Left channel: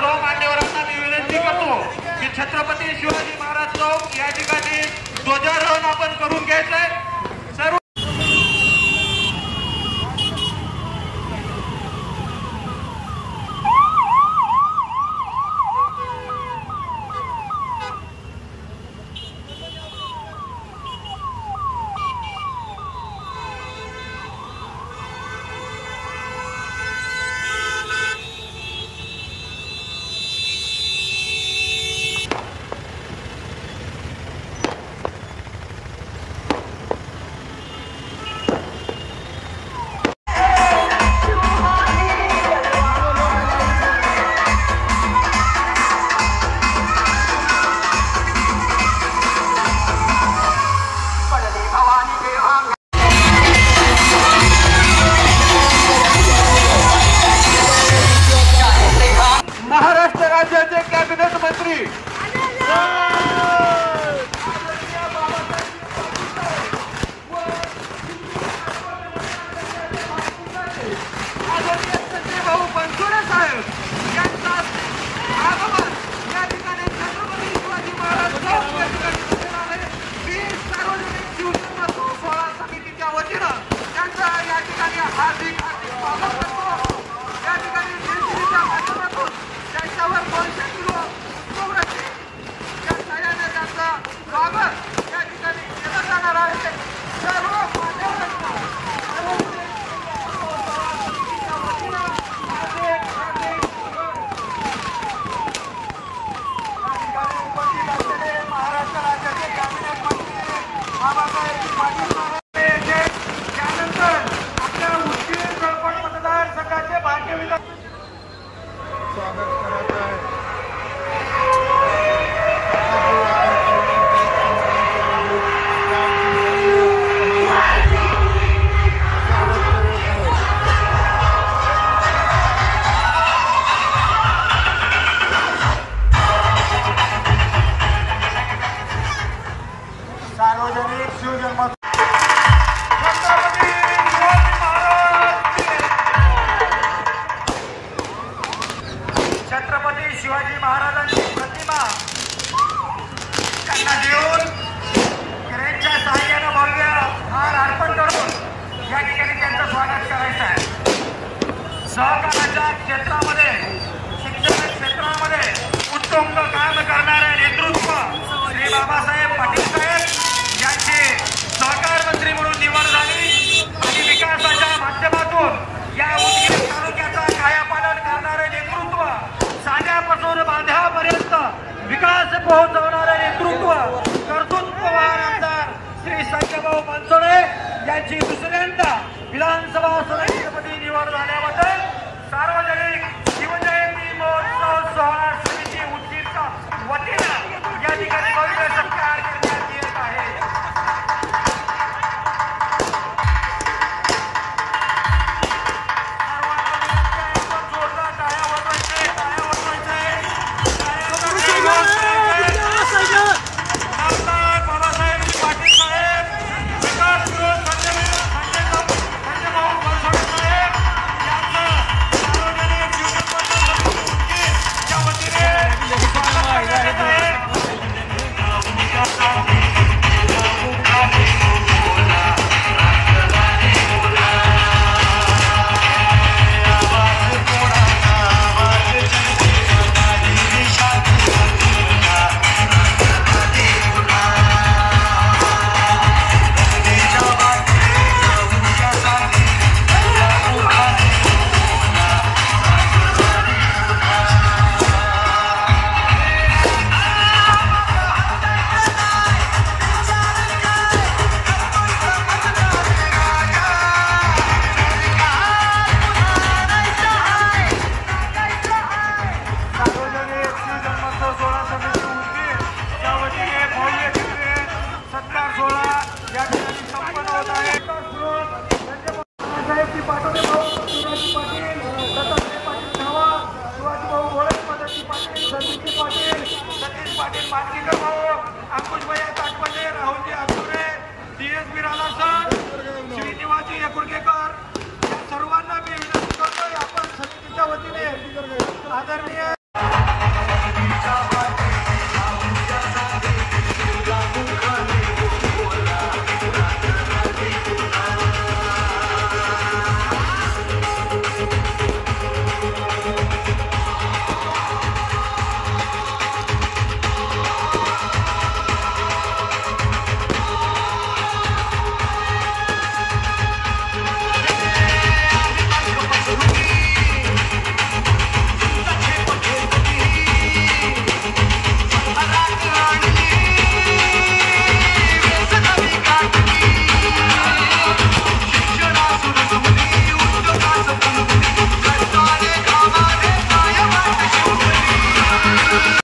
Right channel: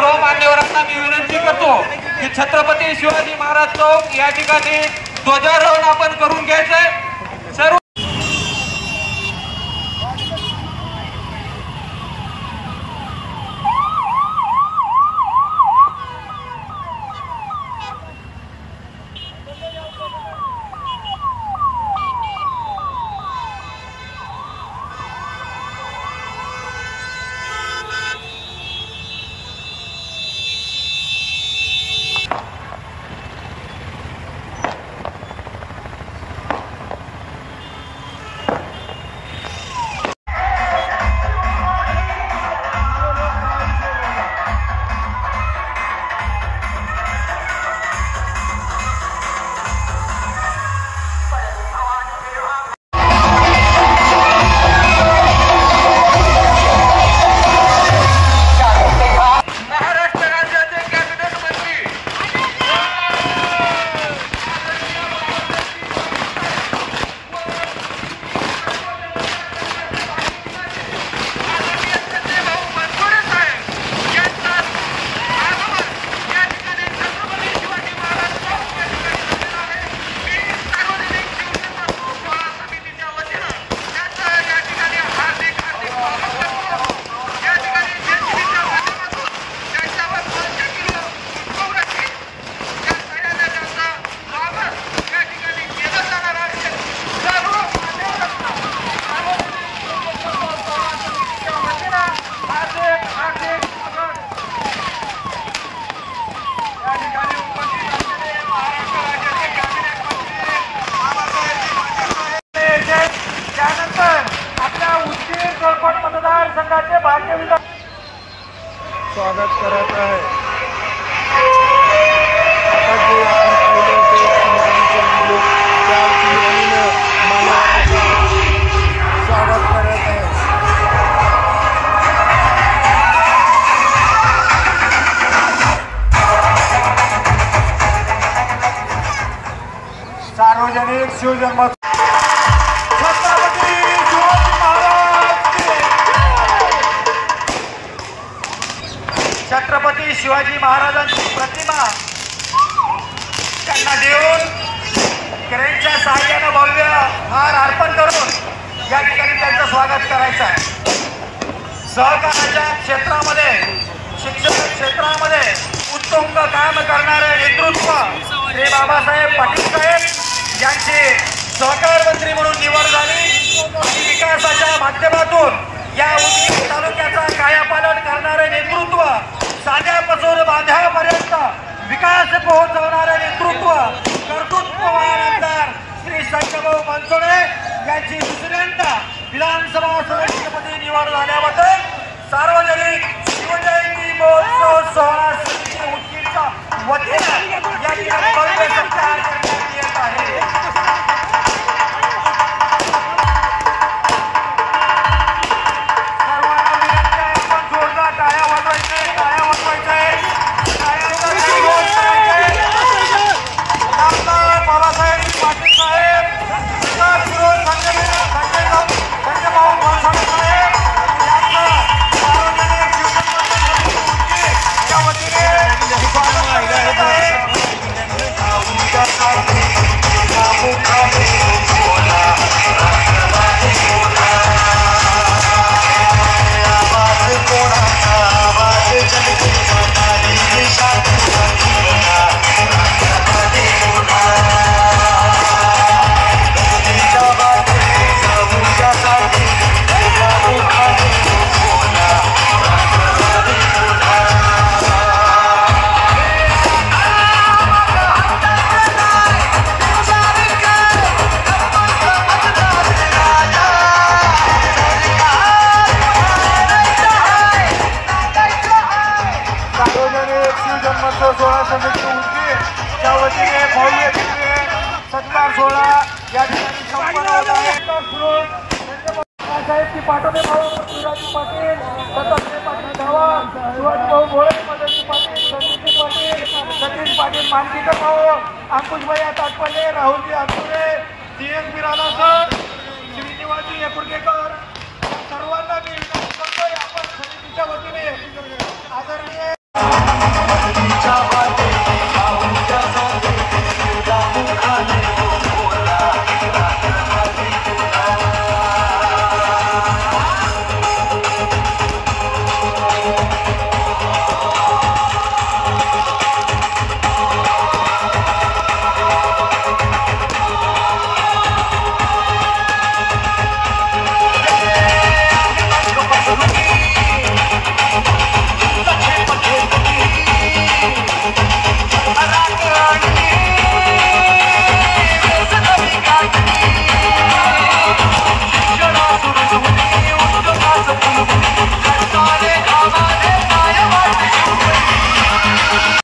सर्व मान्यवरांना मी विनंती करतो की छत्रपती शिवाजी महाराज चौक या ठिकाणी ध्वजारोहण आपण करून घ्यायचंय। सर्व स्वागत करत आहे। स्वागत करत आहे। सार्वजनिक शिवजन्म छत्रपती शिवाजी महाराजांची प्रतिमा त्यांना देऊन क्रेनच्या सहाय्याने भव्य हार अर्पण करून या ठिकाणी त्यांचं स्वागत करायचं आहे। सहकार्याच्या क्षेत्रामध्ये शिक्षण क्षेत्रामध्ये उत्तुंग काम करणारे नेतृत्व हे बाबासाहेब पाटील साहेब यांची सहकार मंत्री म्हणून निवड झाली। विकासाच्या माध्यमातून या तालुक्याचा कायापालट करणारे नेतृत्व साध्यापासून बांध्यापर्यंत विकास पोहोचवणारे नेतृत्व कर्तृत्ववान आमदार श्री शंकरभाऊ बनसोडे यांची दुसऱ्यांदा विधानसभा सदस्यपदी निवड झाल्याबद्दल सार्वजनिक शिवजयंती महोत्सव सोहळा समितीच्या वतीने या ठिकाणी भव्य सत्कार करण्यात येत आहे। सोहळा समिती त्या वतीने भव्य सत्कार सोहळा या अंकुशभाई ताटपाले, राहुलजी आठवले, DS बिराला सर, श्रीनिवाजी यकुर्तेकर या सर्वांना मी विनंती करतोय आपण समितीच्या वतीने आदरणीय